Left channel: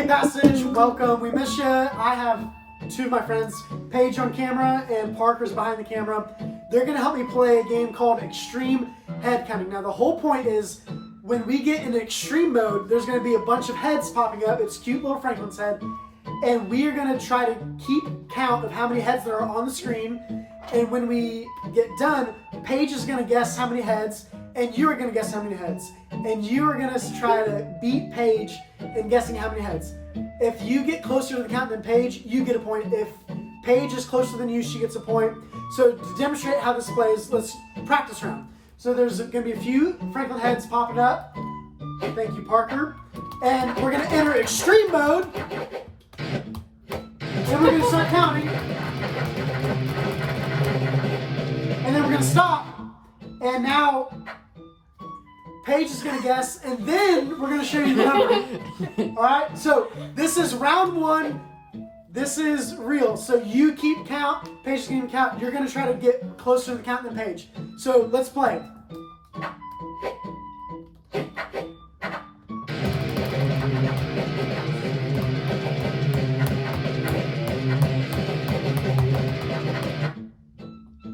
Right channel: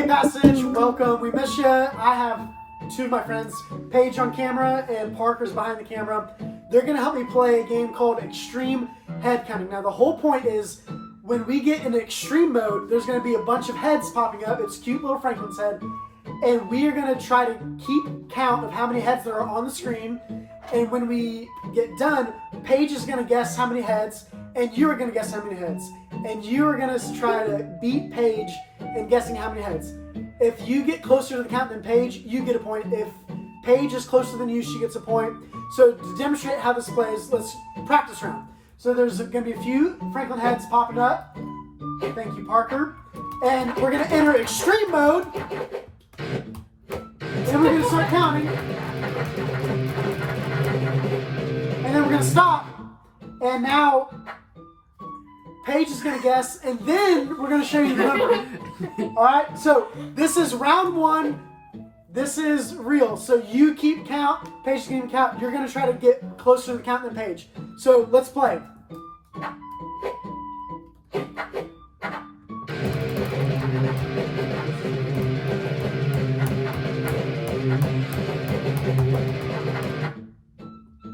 Hey Passage, welcome. We miss you. I have two of my friends, Paige on camera and Parker's behind the camera. They're going to help me play a game called Extreme Head Counting. Now the whole point is when we get in extreme mode, there's going to be a bunch of heads popping up. It's cute little Franklin's head. And we are going to try to keep count of how many heads there are on the screen. And when we get done, Paige is going to guess how many heads, and you are going to guess how many heads. And you are going to try to beat Paige in guessing how many heads. If you get closer to the count than Paige, you get a point. If Paige is closer than you, she gets a point. So to demonstrate how this plays, let's practice round. So there's going to be a few Franklin heads popping up. Thank you, Parker. And we're going to enter extreme mode. And we're going to start counting. And then we're going to stop. And now Paige is going to guess, and then we're going to show you the number. All right, so this is round one. This is real. So you keep count. Paige is going to count. You're going to try to get closer to the count than Paige. So let's play.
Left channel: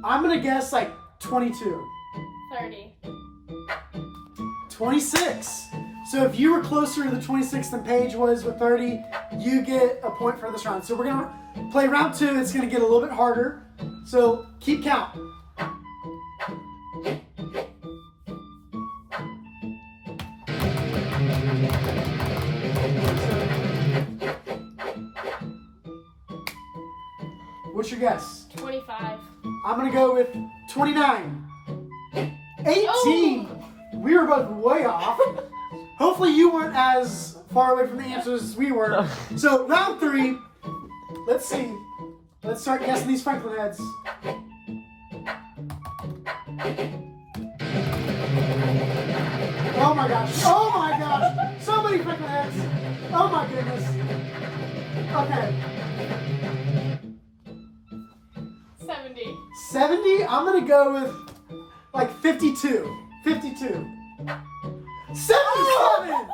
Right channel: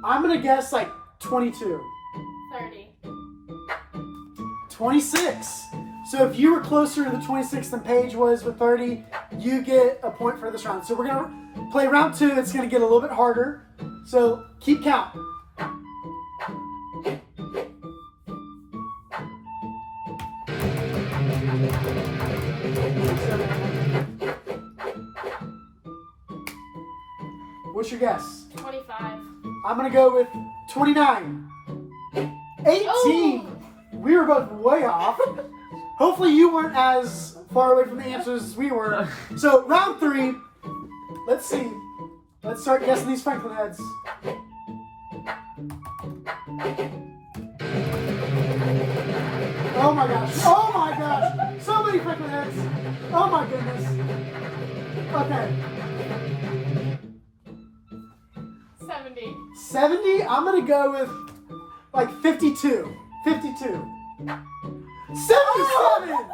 I'm going to guess like 22. 30. 26. So if you were closer to the 26 than Paige was with 30, you get a point for this round. So we're going to play round two. It's going to get a little bit harder. So keep count. What's your guess? 25. I'm going to go with 29. 18. Oh. We were both way off. Hopefully you weren't as far away from the answers as we were. So round three, let's see. Let's start guessing these Franklin heads. Oh my gosh. Oh my gosh. So many Franklin heads. Oh my goodness. Okay. 70. 70? I'm going to go with like 52. 52. 77!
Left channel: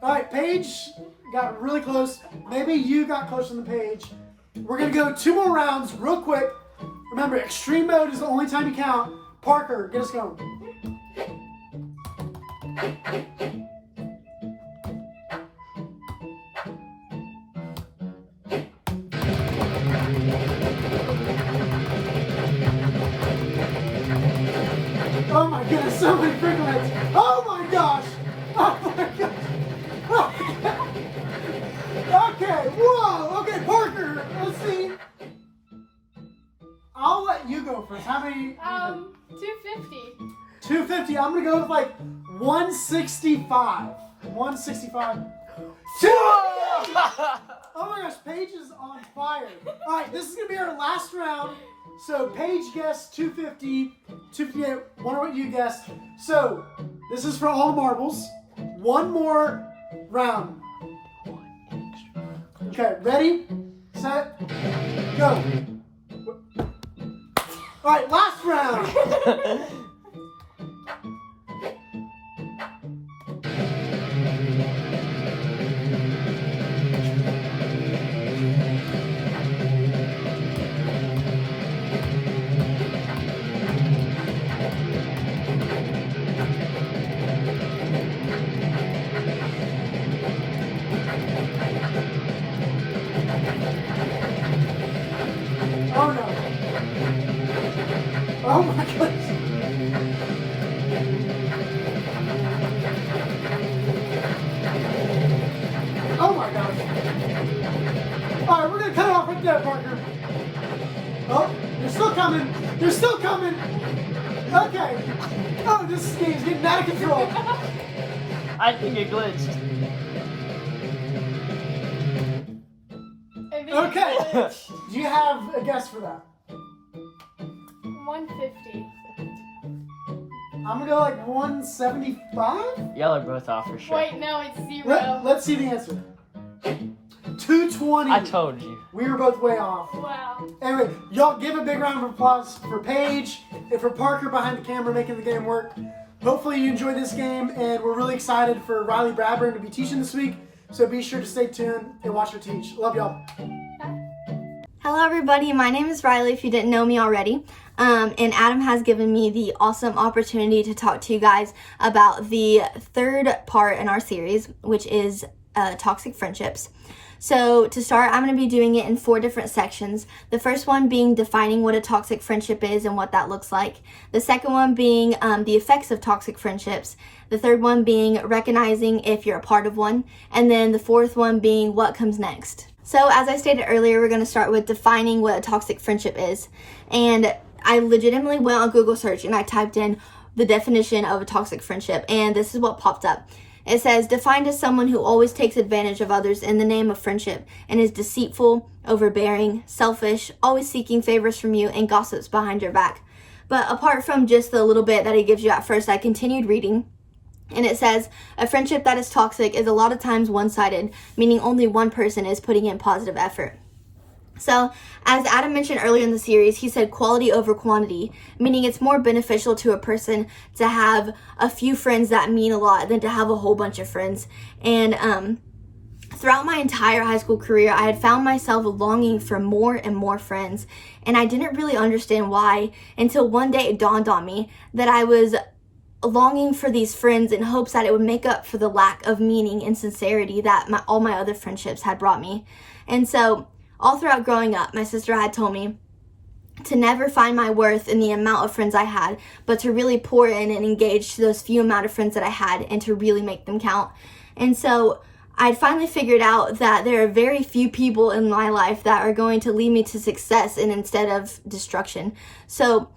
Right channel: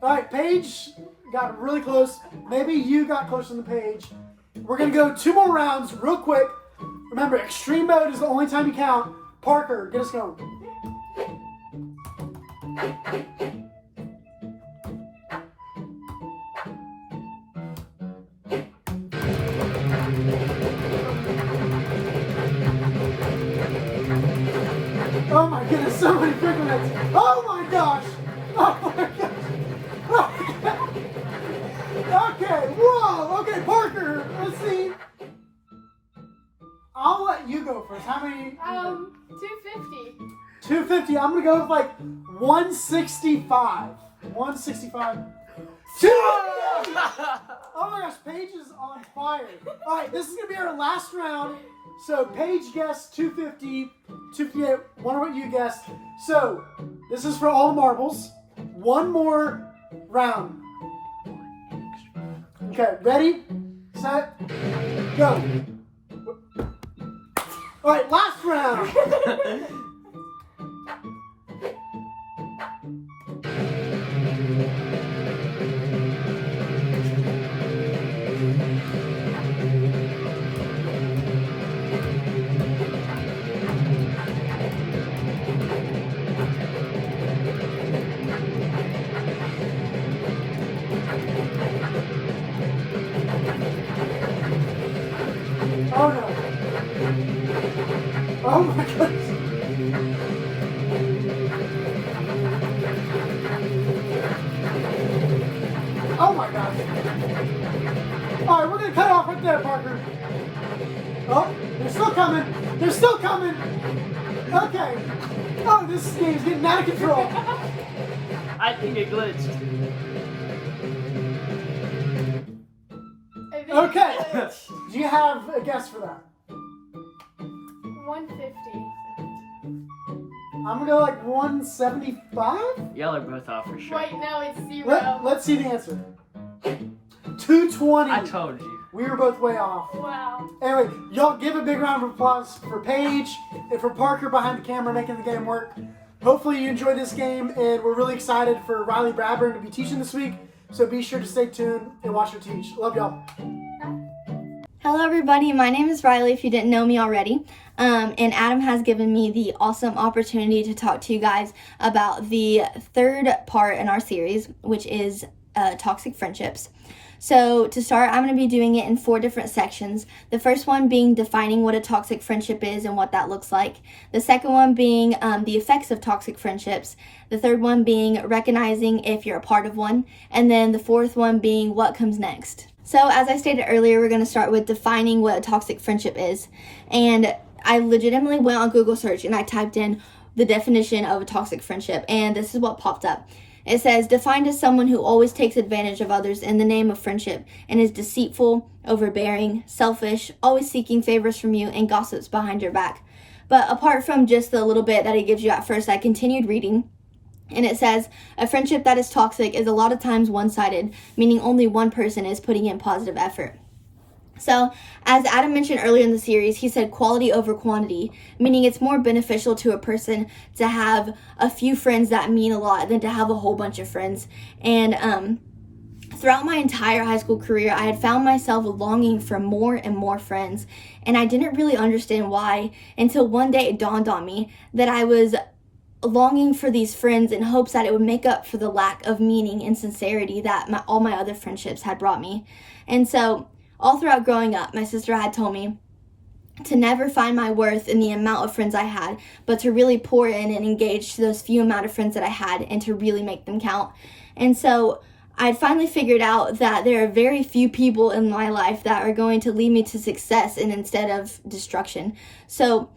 All right, Paige got really close. Maybe you got closer than Paige. We're going to go two more rounds real quick. Remember, extreme mode is the only time you count. Parker, get us going. Oh my goodness, so many Franklin heads. Oh my gosh. Oh my gosh. Oh my gosh. Okay, whoa. Okay, Parker, let's see. I'll let you go first. How many? 250. 250. I'm going to go with like 165. 165. 250! Oh my gosh, Paige is on fire. All right, this is going to be our last round. So Paige guessed 250, 258. Wonder what you guessed. So this is for all the marbles. One more round. Okay, ready, set, go. All right, last round. Oh no. Oh my goodness. Oh my gosh. Alright, we're gonna cut it off right there, Parker. Oh, they're still coming. They're still coming. Okay. Oh, this game's getting out of control. I think it glitched. I think Okay. it's Do you have a guess for that? 150. I'm gonna go like 175? Y'all are both off for sure. Wait, no, it's 0. Let's see the answer. 220. I told you. We were both way off. Wow. Anyway, y'all give a big round of applause for Paige and for Parker behind the camera making the game work. Hopefully you enjoyed this game, and we're really excited for Riley Bradburn to be teaching this week. So be sure to stay tuned and watch her teach. Love y'all. Hello everybody, my name is Riley if you didn't know me already. And Adam has given me the awesome opportunity to talk to you guys about the third part in our series, which is toxic friendships. So to start, I'm going to be doing it in 4 different sections. The first one being defining what a toxic friendship is and what that looks like. The second one being the effects of toxic friendships. The third one being recognizing if you're a part of one. And then the fourth one being what comes next. So as I stated earlier, we're going to start with defining what a toxic friendship is. And I legitimately went on Google search and I typed in the definition of a toxic friendship, and this is what popped up. It says, defined as someone who always takes advantage of others in the name of friendship and is deceitful, overbearing, selfish, always seeking favors from you, and gossips behind your back. But apart from just the little bit that it gives you at first, I continued reading. And it says, a friendship that is toxic is a lot of times one-sided, meaning only one person is putting in positive effort. So, as Adam mentioned earlier in the series, he said quality over quantity, meaning it's more beneficial to a person to have a few friends that mean a lot than to have a whole bunch of friends. And throughout my entire high school career, I had found myself longing for more and more friends, and I didn't really understand why until one day it dawned on me that I was longing for these friends in hopes that it would make up for the lack of meaning and sincerity that all my other friendships had brought me. And so all throughout growing up, my sister had told me to never find my worth in the amount of friends I had, but to really pour in and engage to those few amount of friends that I had and to really make them count. And so I'd finally figured out that there are very few people in my life that are going to lead me to success and instead of destruction. So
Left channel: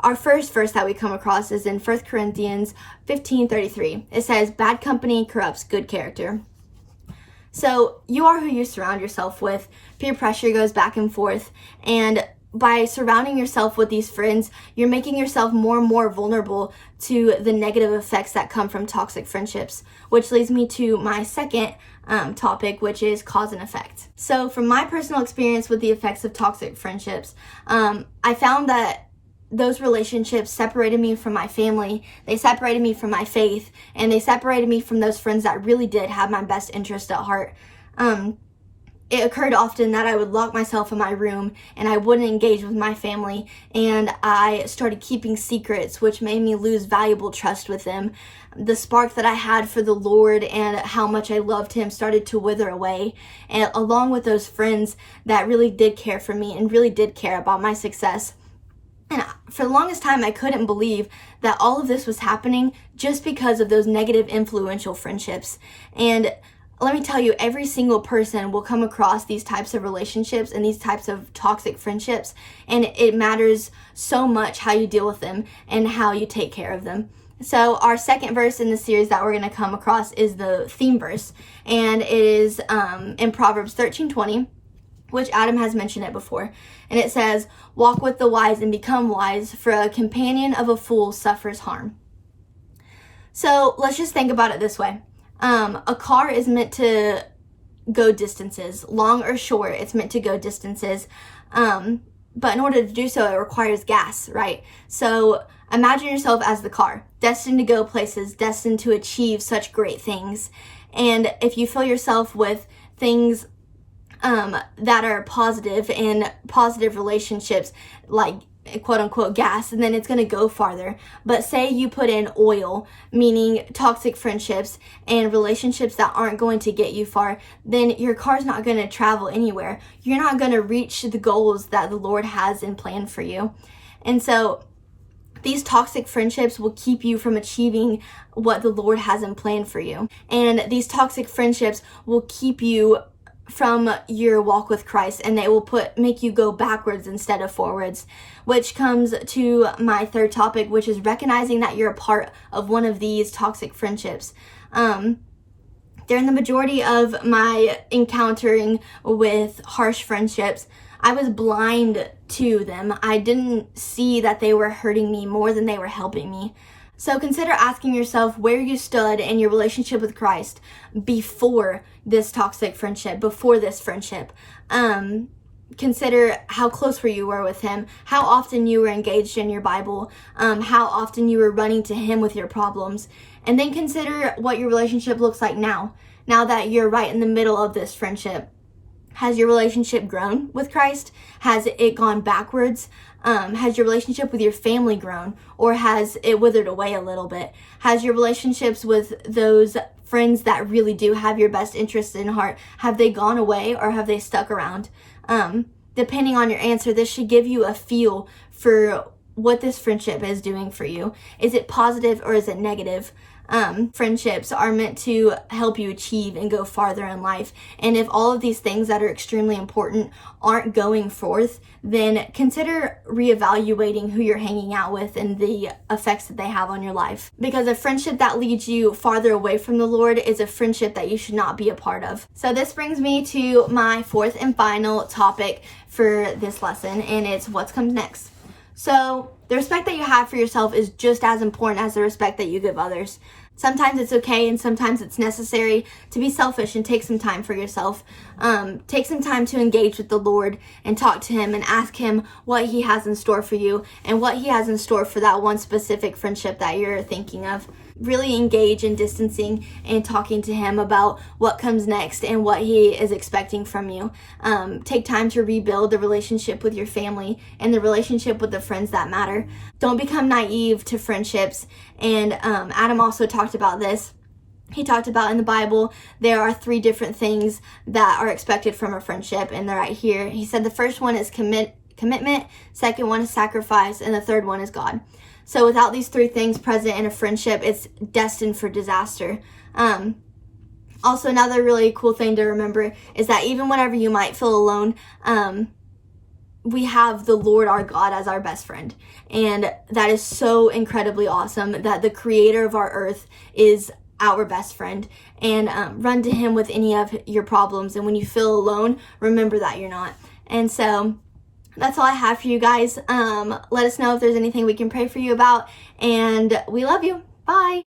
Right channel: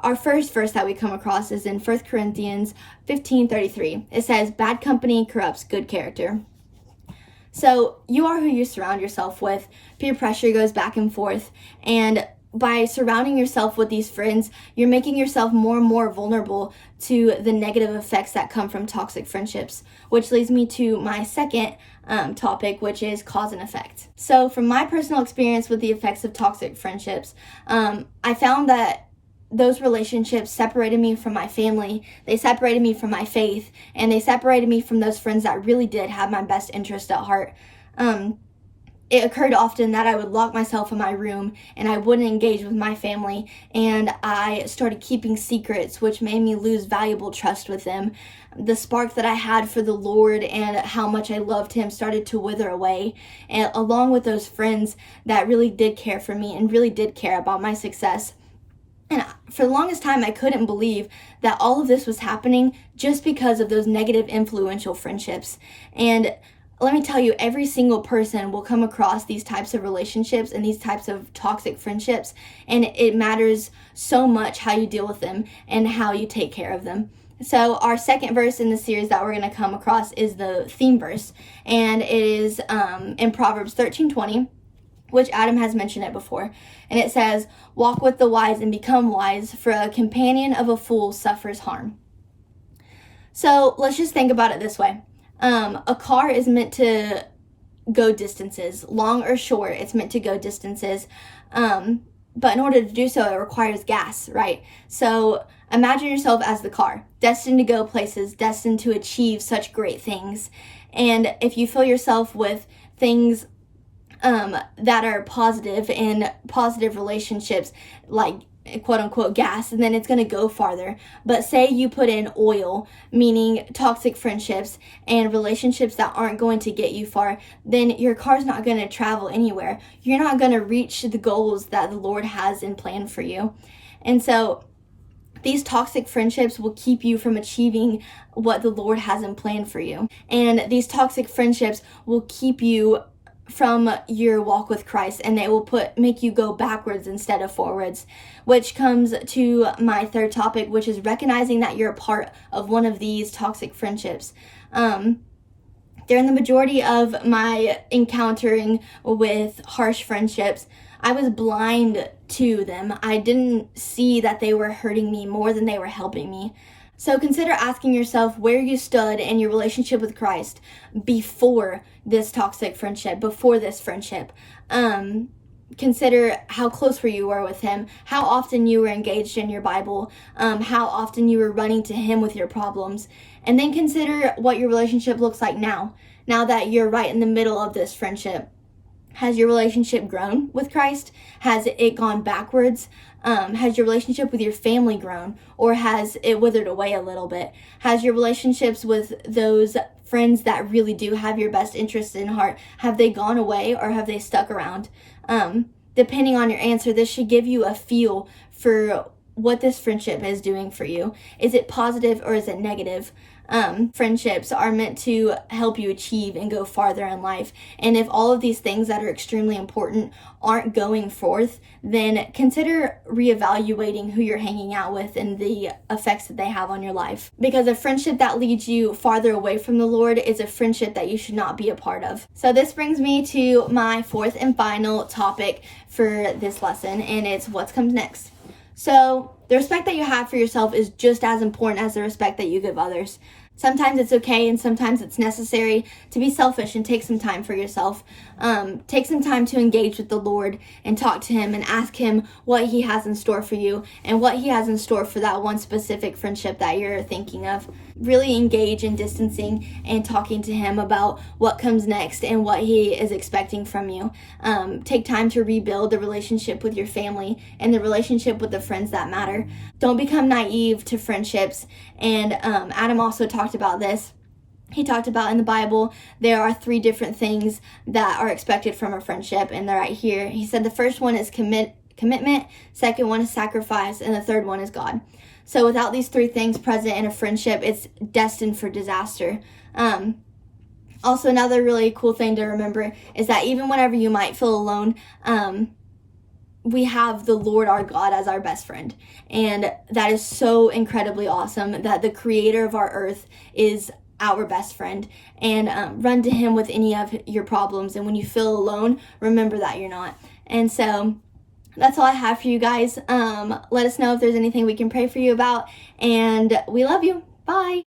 our first verse that we come across is in 1 Corinthians 15:33. It says, bad company corrupts good character. So you are who you surround yourself with. Peer pressure goes back and forth. And by surrounding yourself with these friends, you're making yourself more and more vulnerable to the negative effects that come from toxic friendships, which leads me to my second topic, which is cause and effect. So from my personal experience with the effects of toxic friendships, I found that those relationships separated me from my family, they separated me from my faith, and they separated me from those friends that really did have my best interest at heart. It occurred often that I would lock myself in my room and I wouldn't engage with my family, and I started keeping secrets, which made me lose valuable trust with them. The spark that I had for the Lord and how much I loved Him started to wither away, and along with those friends that really did care for me and really did care about my success. And for the longest time, I couldn't believe that all of this was happening just because of those negative, influential friendships. And let me tell you, every single person will come across these types of relationships and these types of toxic friendships. And it matters so much how you deal with them and how you take care of them. So our second verse in the series that we're going to come across is the theme verse. And it is in Proverbs 13:20, which Adam has mentioned it before. And it says, walk with the wise and become wise, for a companion of a fool suffers harm. So let's just think about it this way. A car is meant to go distances, long or short, it's meant to go distances. But in order to do so, it requires gas, right? So imagine yourself as the car, destined to go places, destined to achieve such great things. And if you fill yourself with things that are positive and positive relationships, like quote unquote gas, and then it's going to go farther. But say you put in oil, meaning toxic friendships and relationships that aren't going to get you far, then your car's not going to travel anywhere. You're not going to reach the goals that the Lord has in plan for you. And so these toxic friendships will keep you from achieving what the Lord has in plan for you. And these toxic friendships will keep you from your walk with Christ, and they will make you go backwards instead of forwards, which comes to my third topic, which is recognizing that you're a part of one of these toxic friendships. During the majority of my encountering with harsh friendships, I was blind to them. I didn't see that they were hurting me more than they were helping me. So consider asking yourself where you stood in your relationship with Christ before this toxic friendship, before this friendship. consider how close you were with him, how often you were engaged in your Bible, how often you were running to him with your problems. And then consider what your relationship looks like now that you're right in the middle of this friendship. Has your relationship grown with Christ? Has it gone backwards? Has your relationship with your family grown, or has it withered away a little bit? Has your relationships with those friends that really do have your best interests in heart, have they gone away or have they stuck around? Depending on your answer, this should give you a feel for what this friendship is doing for you. Is it positive or is it negative? Friendships are meant to help you achieve and go farther in life. And if all of these things that are extremely important aren't going forth, then consider reevaluating who you're hanging out with and the effects that they have on your life. Because a friendship that leads you farther away from the Lord is a friendship that you should not be a part of. So this brings me to my fourth and final topic for this lesson, and it's what comes next. So the respect that you have for yourself is just as important as the respect that you give others. Sometimes it's okay and sometimes it's necessary to be selfish and take some time for yourself. Take some time to engage with the Lord and talk to him and ask him what he has in store for you and what he has in store for that one specific friendship that you're thinking of. Really engage in distancing and talking to him about what comes next and what he is expecting from you. Take time to rebuild the relationship with your family and the relationship with the friends that matter. Don't become naive to friendships. And Adam also talked about this. He talked about in the Bible, there are 3 different things that are expected from a friendship, and they're right here. He said the first one is commitment, second one is sacrifice, and the third one is God. So without these 3 things present in a friendship, it's destined for disaster. Also, another really cool thing to remember is that even whenever you might feel alone, we have the Lord our God as our best friend. And that is so incredibly awesome that the creator of our earth is our best friend. And run to him with any of your problems. And when you feel alone, remember that you're not. And so that's all I have for you guys. Let us know if there's anything we can pray for you about. And we love you. Bye.